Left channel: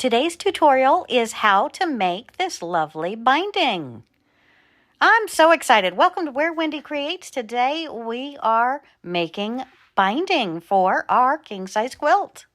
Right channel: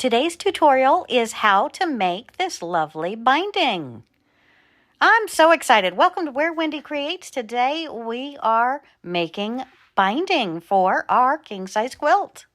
Today's tutorial is how to make this lovely binding. I'm so excited. Welcome to Where Wendy Creates. Today we are making binding for our king-size quilt.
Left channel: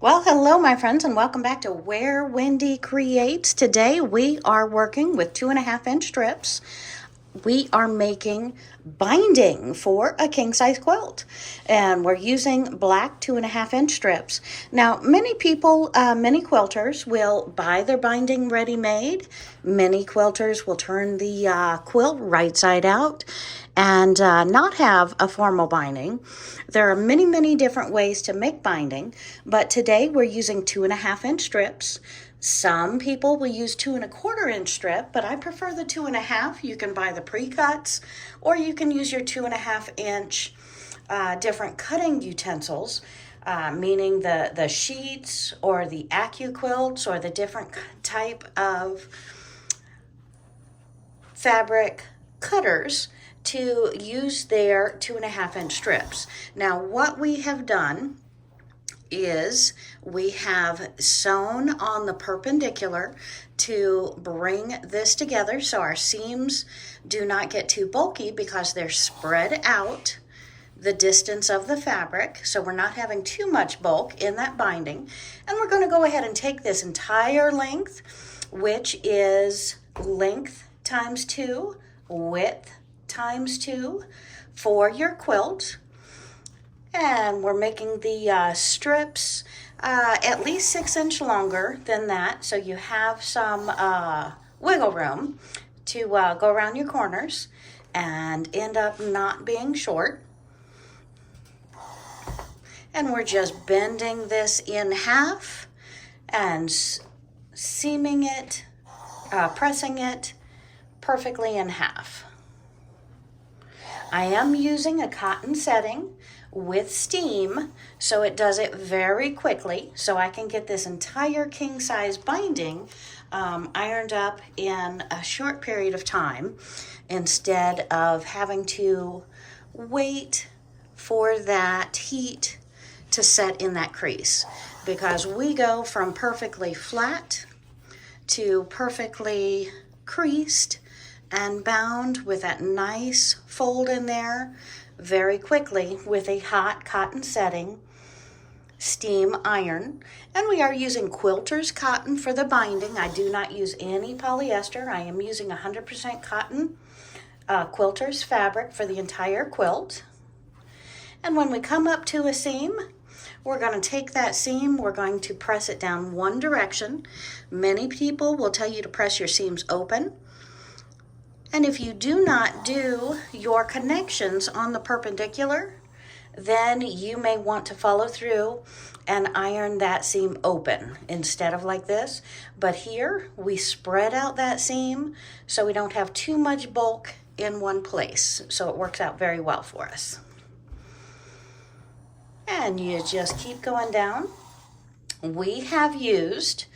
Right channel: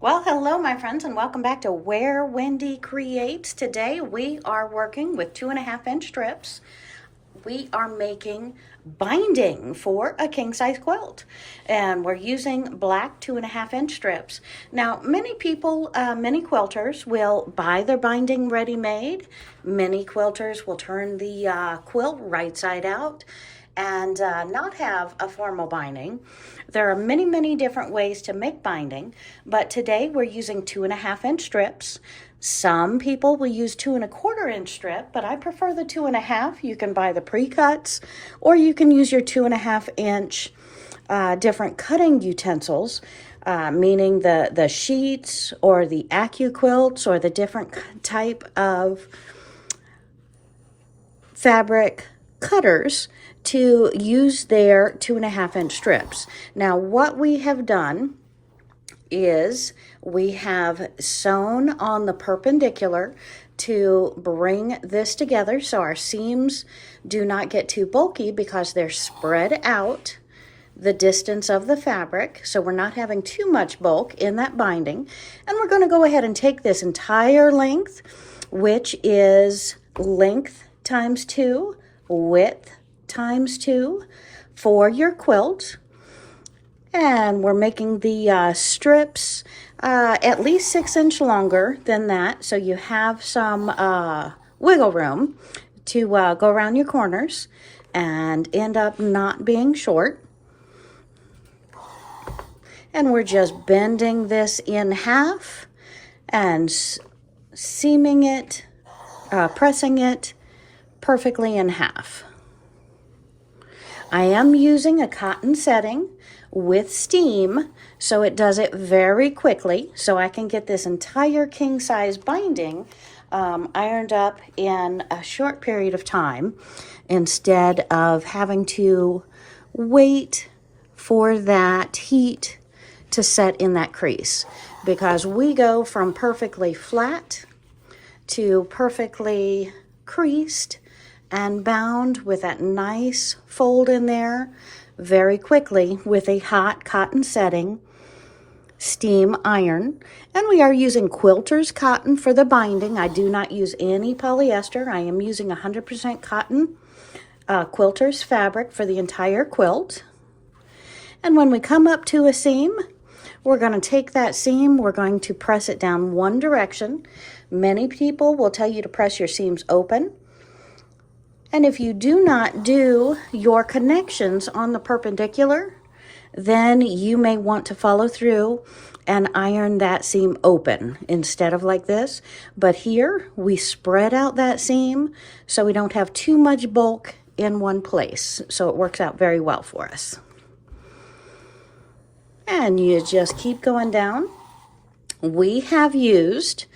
Well, hello my friends, and welcome back to Where Wendy Creates. Today we are working with 2.5-inch strips. We are making binding for a king-size quilt, and we're using black 2.5-inch strips. Now, many people, many quilters will buy their binding ready-made. Many quilters will turn the quilt right side out and not have a formal binding. There are many different ways to make binding, but today we're using 2.5-inch strips. Some people will use 2.25-inch strip, but I prefer the 2.5. You can buy the pre-cuts, or you can use your 2.5-inch different cutting utensils, meaning the sheets or the AccuQuilts or the different type of fabric cutters to use their 2.5-inch strips. Now, what we have done is we have sewn on the perpendicular to bring this together so our seams do not get too bulky because they're spread out the distance of the fabric, so we're not having too much bulk in that binding. And we're going to go ahead and take this entire length, which is length times 2, width times 2 for your quilt. And we're making the strips at least 6-inch longer than that, so you have some wiggle room to go around your corners and end up not being short. And we're just bending this in half and seaming it, pressing it perfectly in half. I am using a cotton setting with steam, so it does it very quickly, so I can get this entire king-size binding ironed up in a short period of time instead of having to wait for that heat to set in that crease, because we go from perfectly flat to perfectly creased and bound with that nice fold in there very quickly with a hot cotton setting steam iron. And we are using quilter's cotton for the binding. I do not use any polyester. I am using 100% cotton quilter's fabric for the entire quilt. And when we come up to a seam, we're going to take that seam, we're going to press it down one direction. Many people will tell you to press your seams open. And if you do not do your connections on the perpendicular, then you may want to follow through and iron that seam open instead of like this. But here, we spread out that seam so we don't have too much bulk in one place. So it works out very well for us. And you just keep going down. We have used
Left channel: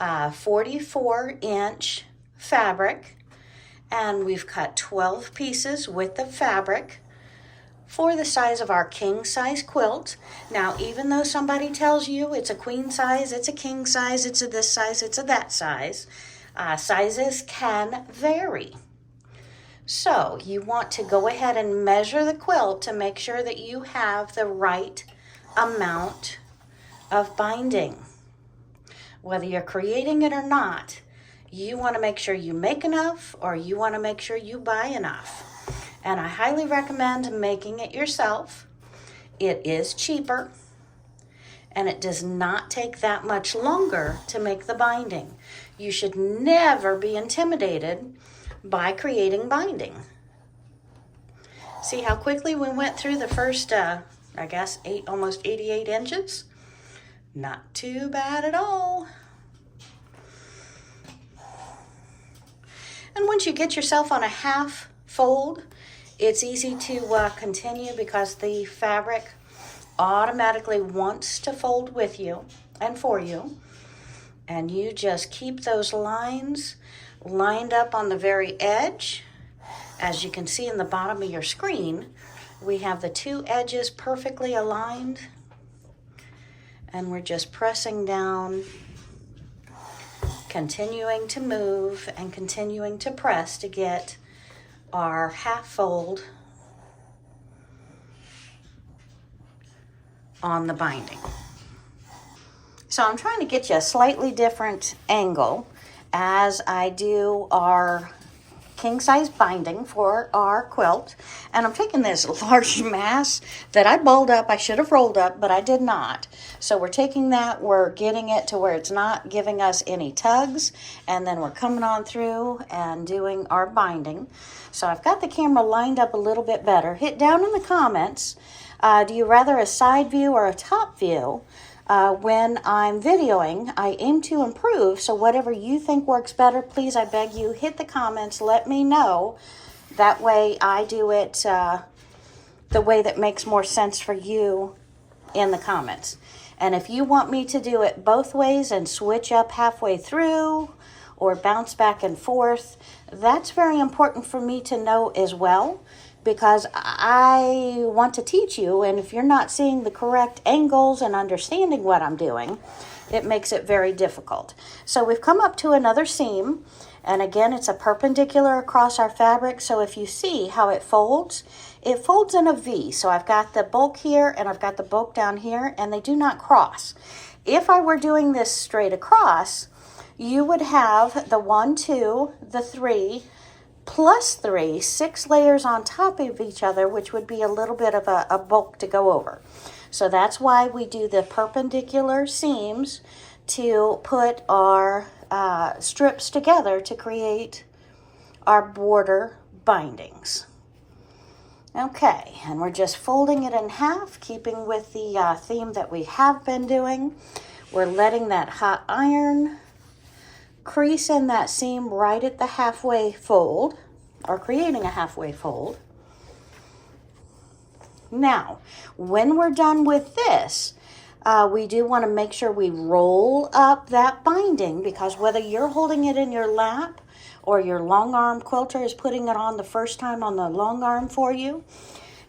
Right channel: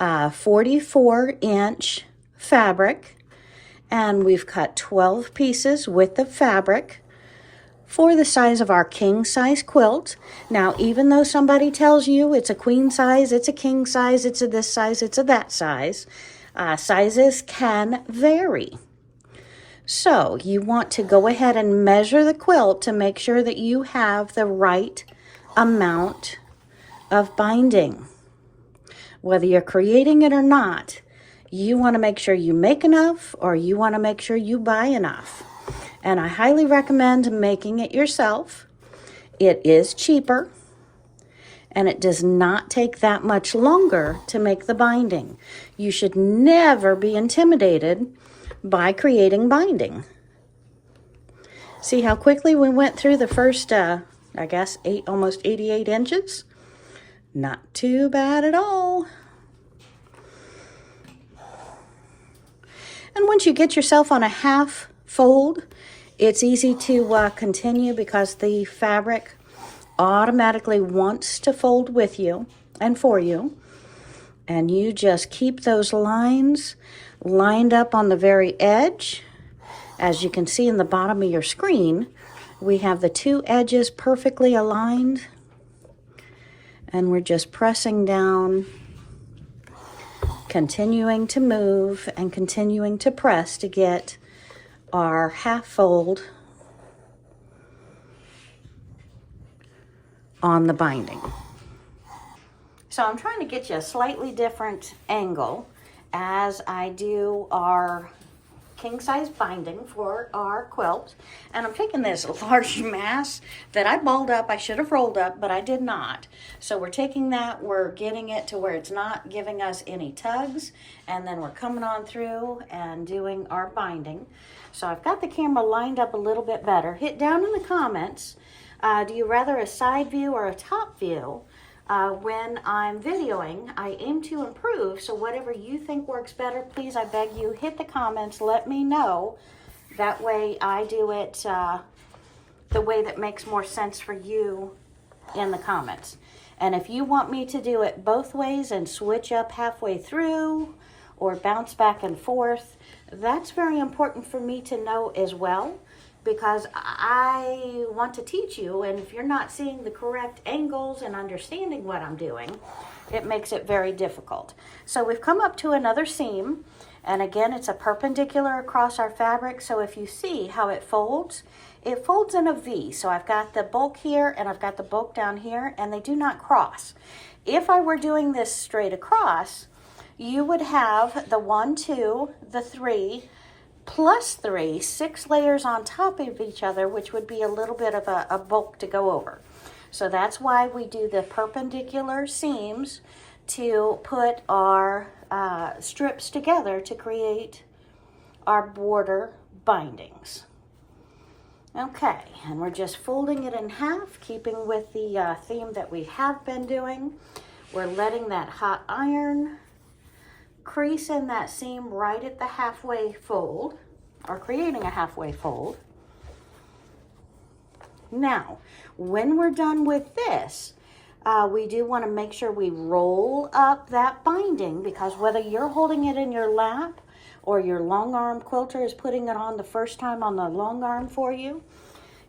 44-inch fabric, and we've cut 12 pieces with the fabric for the size of our king-size quilt. Now, even though somebody tells you it's a queen size, it's a king size, it's a this size, it's a that size, sizes can vary. So you want to go ahead and measure the quilt to make sure that you have the right amount of binding. Whether you're creating it or not, you want to make sure you make enough, or you want to make sure you buy enough. And I highly recommend making it yourself. It is cheaper, and it does not take that much longer to make the binding. You should never be intimidated by creating binding. See how quickly we went through the first, I guess, almost 88 inches? Not too bad at all. And once you get yourself on a half fold, it's easy to continue because the fabric automatically wants to fold with you and for you. And you just keep those lines lined up on the very edge. As you can see in the bottom of your screen, we have the two edges perfectly aligned. And we're just pressing down continuing to move and continuing to press to get our half fold on the binding. So I'm trying to get you a slightly different angle as I do our king size binding for our quilt. And I'm taking this large mass that I balled up. I should have rolled up, but I did not. So we're taking that, we're getting it to where it's not giving us any tugs, and then we're coming on through and doing our binding. So I've got the camera lined up a little bit better. Hit down in the comments, do you rather a side view or a top view? When I'm videoing, I aim to improve, so whatever you think works better, please, I beg you, hit the comments, let me know. That way I do it the way that makes more sense for you in the comments. And if you want me to do it both ways and switch up halfway through or bounce back and forth, that's very important for me to know as well, because I want to teach you, and if you're not seeing the correct angles and understanding what I'm doing, it makes it very difficult. So we've come up to another seam, and again, it's a perpendicular across our fabric, so if you see how it folds in a V. So I've got the bulk here, and I've got the bulk down here, and they do not cross. If I were doing this straight across, you would have the 1, 2, the 3, plus 3, 6 layers on top of each other, which would be a little bit of a bulk to go over. So that's why we do the perpendicular seams to put our strips together to create our border bindings. Okay, and we're just folding it in half, keeping with the theme that we have been doing. We're letting that hot iron crease in that seam right at the halfway fold, or creating a halfway fold. Now, when we're done with this, we do want to make sure we roll up that binding, because whether you're holding it in your lap or your long arm quilter is putting it on the first time on the long arm for you,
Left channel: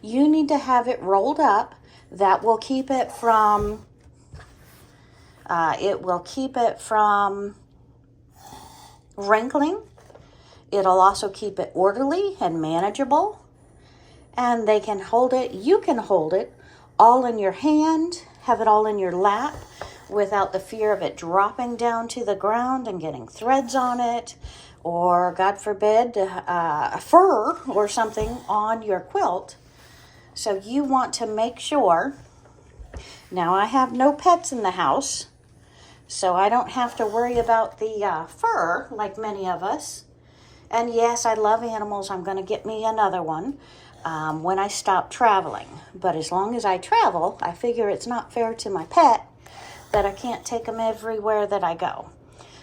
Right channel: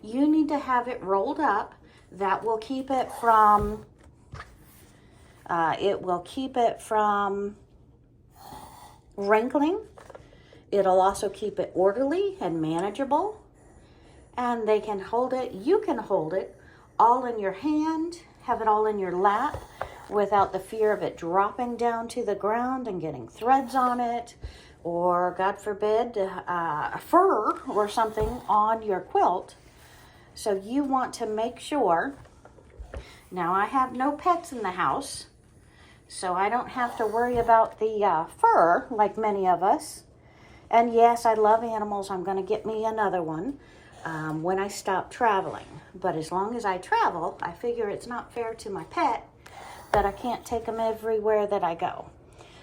you need to have it rolled up. That will keep it from, wrinkling. It'll also keep it orderly and manageable, and they can hold it, you can hold it all in your hand, have it all in your lap without the fear of it dropping down to the ground and getting threads on it, or God forbid fur or something on your quilt. So you want to make sure. Now, I have no pets in the house, so I don't have to worry about the fur like many of us. And yes, I love animals. I'm going to get me another one when I stop traveling. But as long as I travel, I figure it's not fair to my pet that I can't take them everywhere that I go.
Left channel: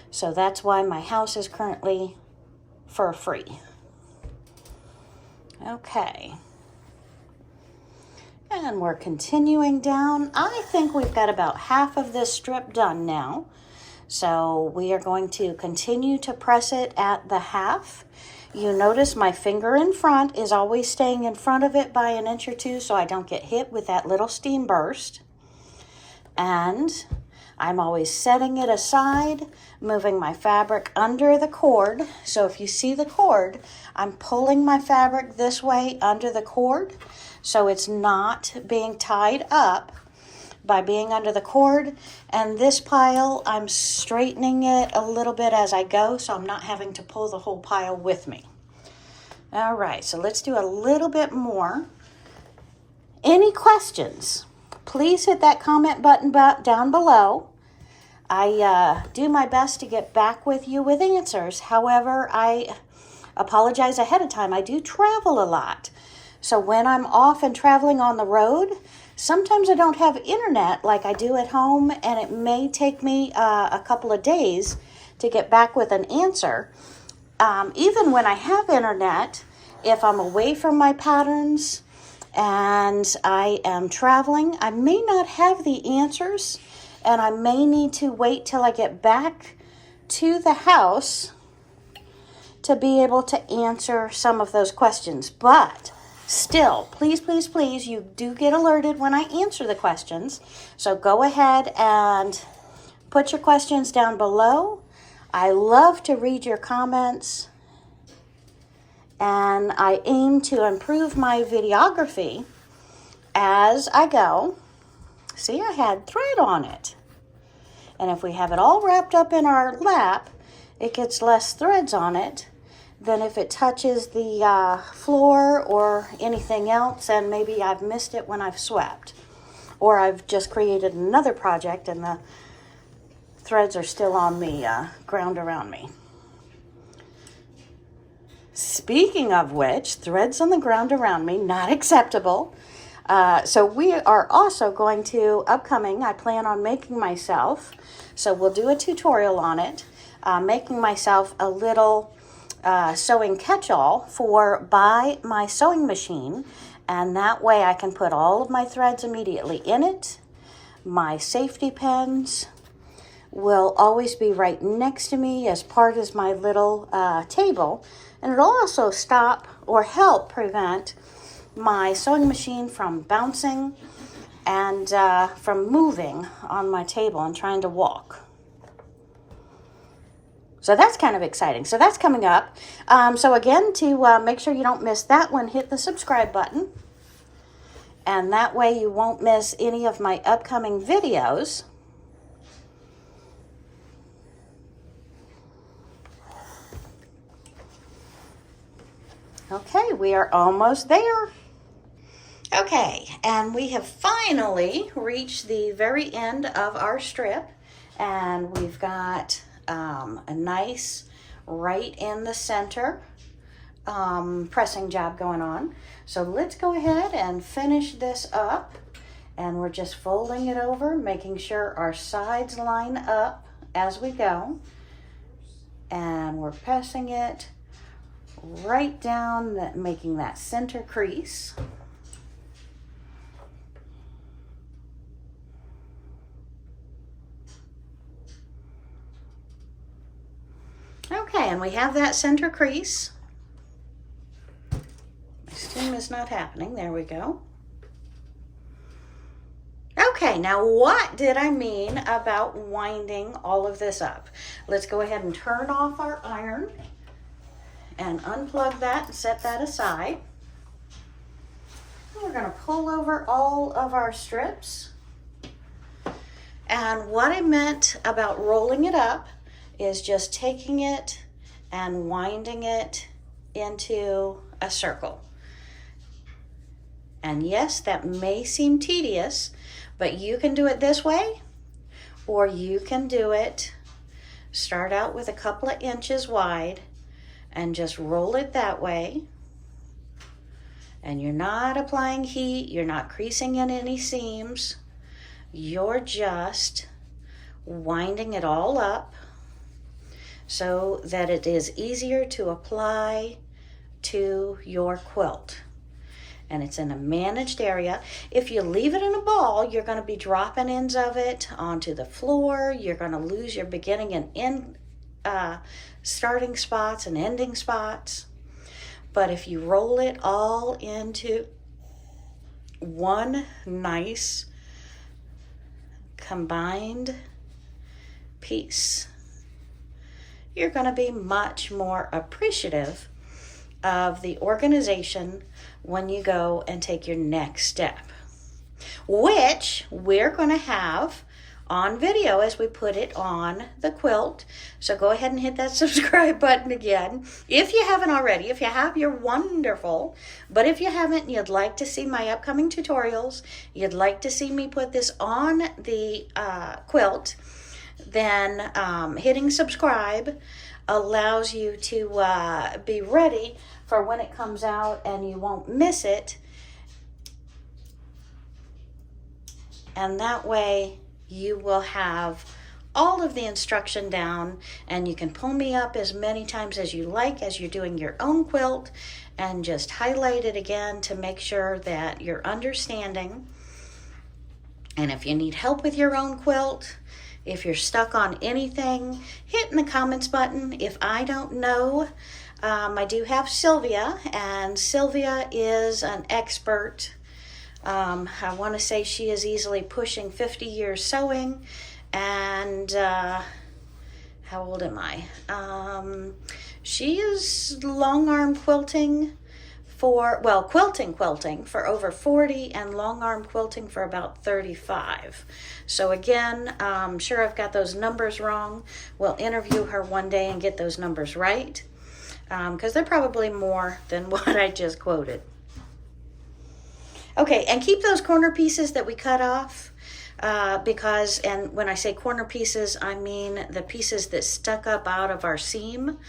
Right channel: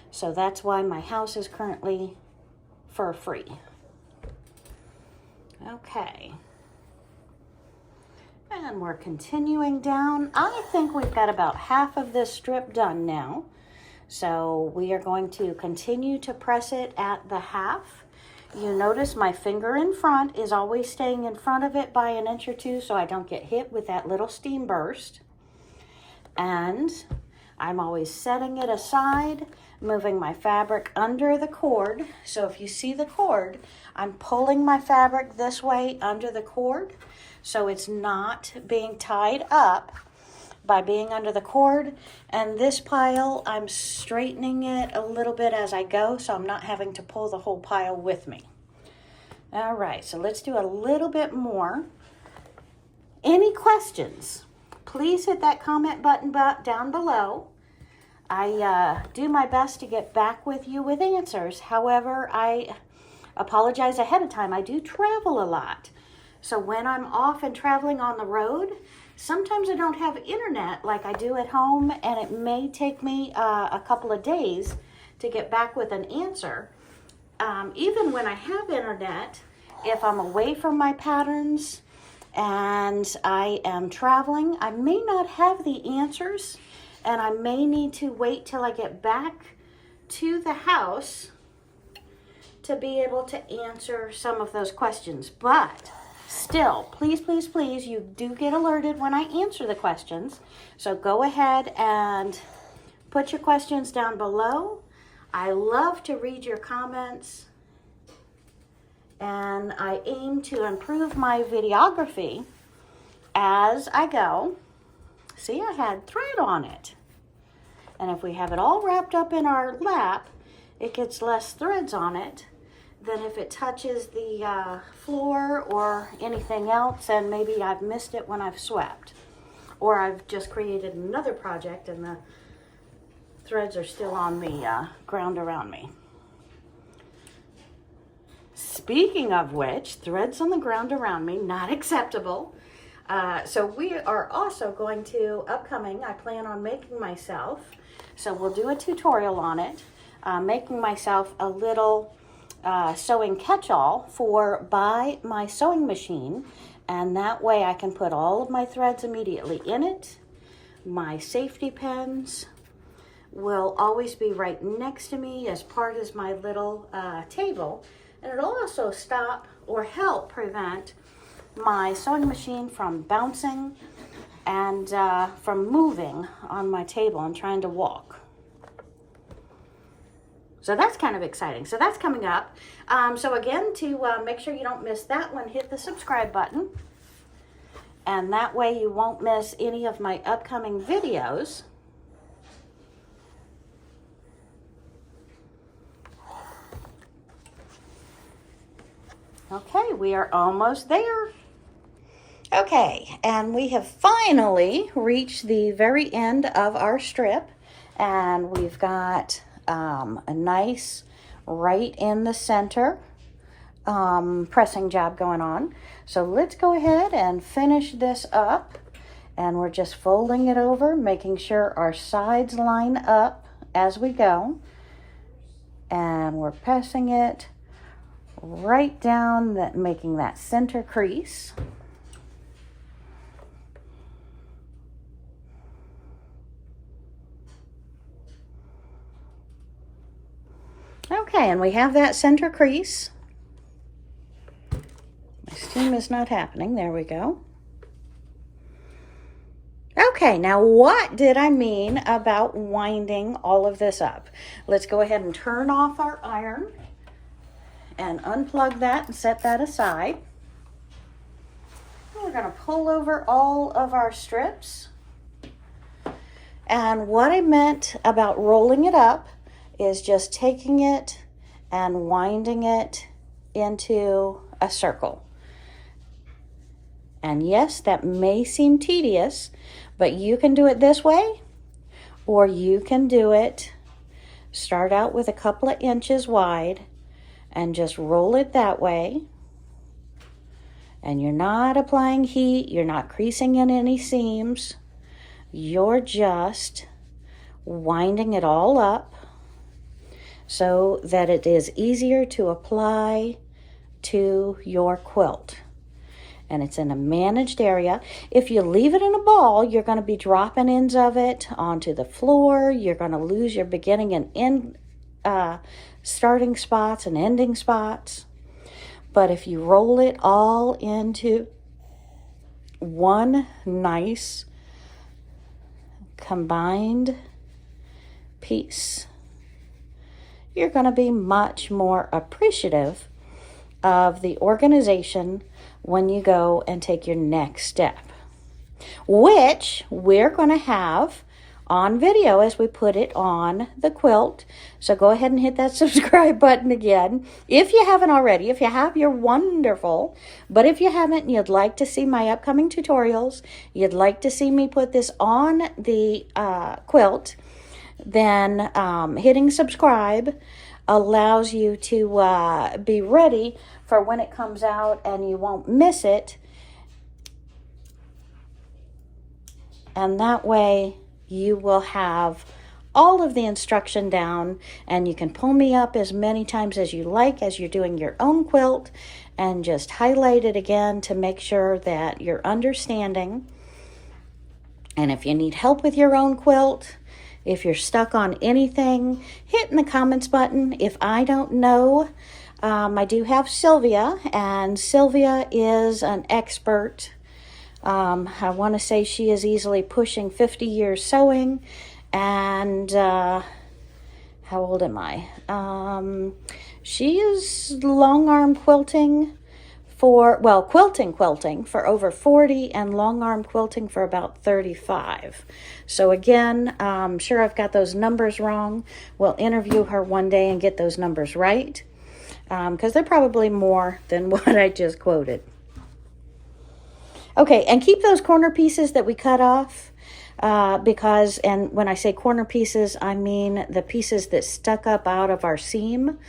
So that's why my house is currently fur-free. Okay. And we're continuing down. I think we've got about half of this strip done now. So we are going to continue to press it at the half. You notice my finger in front is always staying in front of it by an inch or two so I don't get hit with that little steam burst. And I'm always setting it aside, moving my fabric under the cord. So if you see the cord, I'm pulling my fabric this way under the cord, so it's not being tied up by being under the cord. And this pile, I'm straightening it a little bit as I go, so I'm not having to pull the whole pile with me. All right, so let's do a little bit more. Any questions? Please hit that comment button down below. I do my best to get back with you with answers. However, I apologize ahead of time. I do travel a lot. So when I'm off and traveling on the road, sometimes I don't have internet like I do at home, and it may take me a couple of days to get back with an answer. Even when I have internet, if I'm away from my patterns and I am traveling, I may not have the answers, and I may need to wait till I get back to the house to be able to answer some of those questions. But still, please, please, please, you do get alerted when I answer the questions. So go ahead and put your questions down below. I love to read your comments, and I aim to improve my videography as I go. See, I had thread on it. And if we have it all wrapped up in our lap, it gets less threads on it than if it touches the floor or anything else, and maybe I've missed it when I've swept. Or I've just created another project and the threads are still on the ground around me. Speaking of which, threads on the ground around me, not acceptable. So we are also going to, upcoming, I plan on making myself, so we'll do a tutorial on it, making myself a little sewing catch-all for by my sewing machine, and that way I can put all of my threads immediately in it. My safety pins will always be right next to me as part of my little table, and it'll also stop or help prevent my sewing machine from bouncing and from moving on my table and trying to walk. So that's kind of exciting. So that's coming up. So again, to make sure you don't miss that one, hit the subscribe button. And that way you won't miss any of my upcoming videos. Okay, we are almost there. Okay, and we have finally reached the very end of our strip, and we've got a nice right in the center pressing job going on. So let's go ahead and finish this up, and we're just folding it over, making sure our sides line up as we go, and we're pressing it right down, that making that center crease. Okay, and we have that center crease. My steam is not happening. There we go. Okay, now what did I mean about winding all of this up? Let's go ahead and turn off our iron and unplug that and set that aside. We're going to pull over all of our strips. And what I meant about rolling it up is just taking it and winding it into a circle. And yes, that may seem tedious, but you can do it this way, or you can do it, start out with a couple of inches wide and just roll it that way. And you're not applying heat, you're not creasing in any seams, you're just winding it all up so that it is easier to apply to your quilt. And it's in a managed area. If you leave it in a ball, you're going to be dropping ends of it onto the floor. You're going to lose your beginning and end starting spots and ending spots. But if you roll it all into one nice combined piece, you're going to be much more appreciative of the organization when you go and take your next step, which we're going to have on video as we put it on the quilt. So go ahead and hit that subscribe button again. If you haven't already, if you have, you're wonderful. But if you haven't and you'd like to see my upcoming tutorials, you'd like to see me put this on the quilt, then hitting subscribe allows you to be ready for when it comes out and you won't miss it. And that way you will have all of the instruction down, and you can pull me up as many times as you like as you're doing your own quilt and just highlight it again to make sure that you're understanding. And if you need help with your own quilt, if you're stuck on anything, hit in the comments button. If I don't know, I do have Sylvia, and Sylvia is an expert. I want to say she is easily pushing 50 years sewing, and how old am I? She is long arm quilting for, well, quilting for over 40 and long arm quilting for about 35. So again, I'm sure I've got those numbers wrong. We'll interview her one day and get those numbers right, because they're probably more than what I just quoted. Okay, and keep those corner pieces that we cut off, because, and when I say corner pieces, I mean the pieces that stuck up out of our seam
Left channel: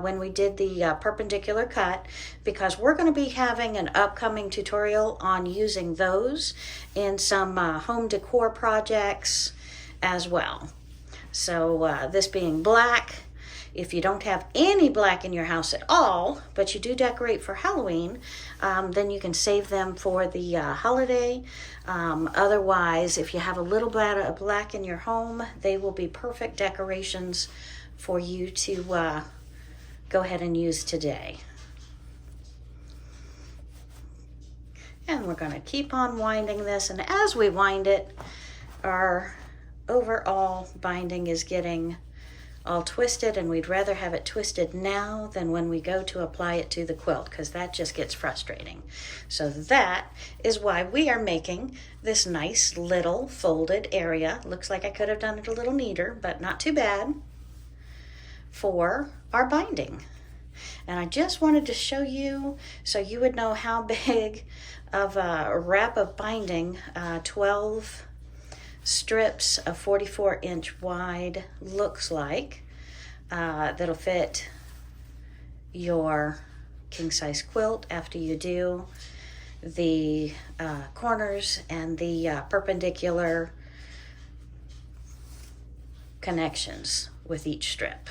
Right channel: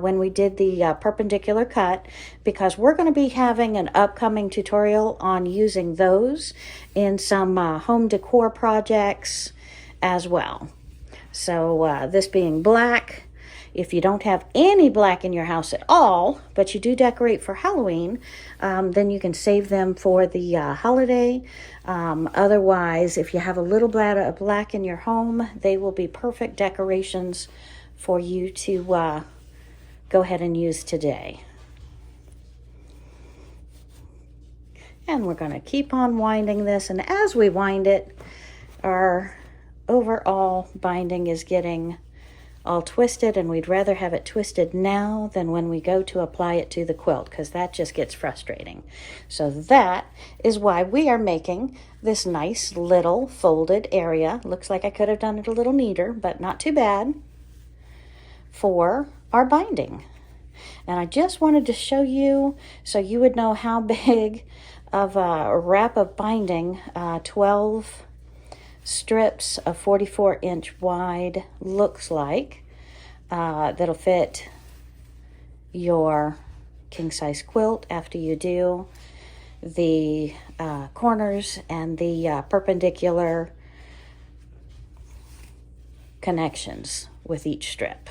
when we did the perpendicular cut, because we're going to be having an upcoming tutorial on using those in some home decor projects as well. So this being black, if you don't have any black in your house at all, but you do decorate for Halloween, then you can save them for the holiday. Otherwise, if you have a little bit of black in your home, they will be perfect decorations for you to go ahead and use today. And we're going to keep on winding this, and as we wind it, our overall binding is getting all twisted, and we'd rather have it twisted now than when we go to apply it to the quilt, because that just gets frustrating. So that is why we are making this nice little folded area. Looks like I could have done it a little neater, but not too bad, for our binding. And I just wanted to show you so you would know how big of a wrap of binding 12 strips of 44-inch wide looks like. That'll fit your king-size quilt after you do the corners and the perpendicular connections with each strip.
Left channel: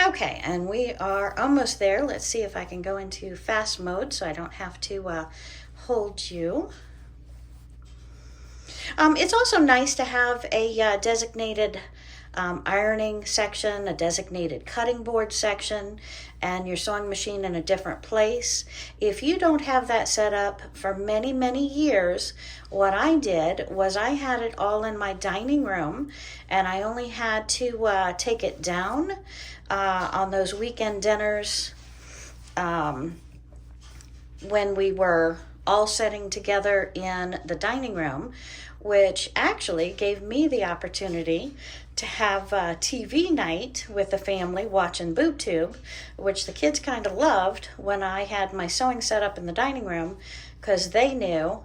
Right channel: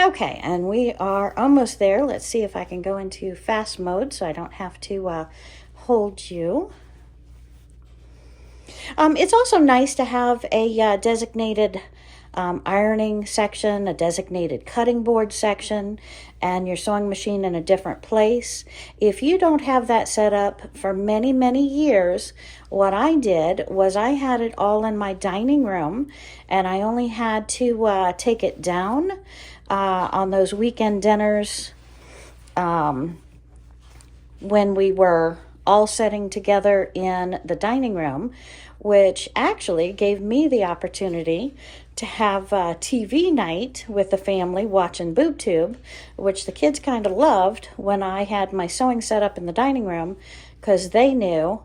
Okay, and we are almost there. Let's see if I can go into fast mode so I don't have to hold you. It's also nice to have a designated ironing section, a designated cutting board section, and your sewing machine in a different place. If you don't have that set up for many, many years, what I did was I had it all in my dining room, and I only had to take it down on those weekend dinners when we were all sitting together in the dining room, which actually gave me the opportunity to have a TV night with the family watching BoobTube, which the kids kind of loved when I had my sewing set up in the dining room, because they knew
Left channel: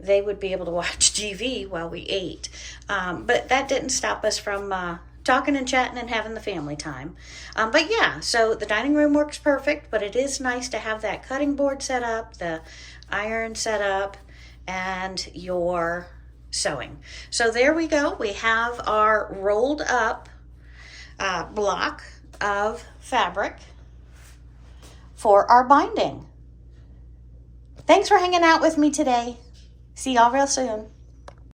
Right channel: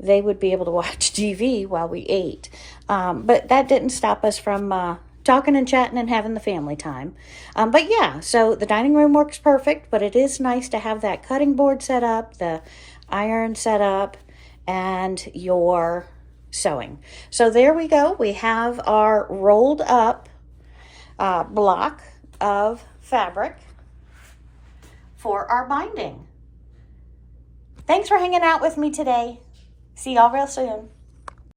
they would be able to watch TV while we ate. But that didn't stop us from talking and chatting and having the family time. But yeah, so the dining room works perfect, but it is nice to have that cutting board set up, the iron set up, and your sewing. So there we go. We have our rolled up block of fabric for our binding. Thanks for hanging out with me today. See y'all real soon.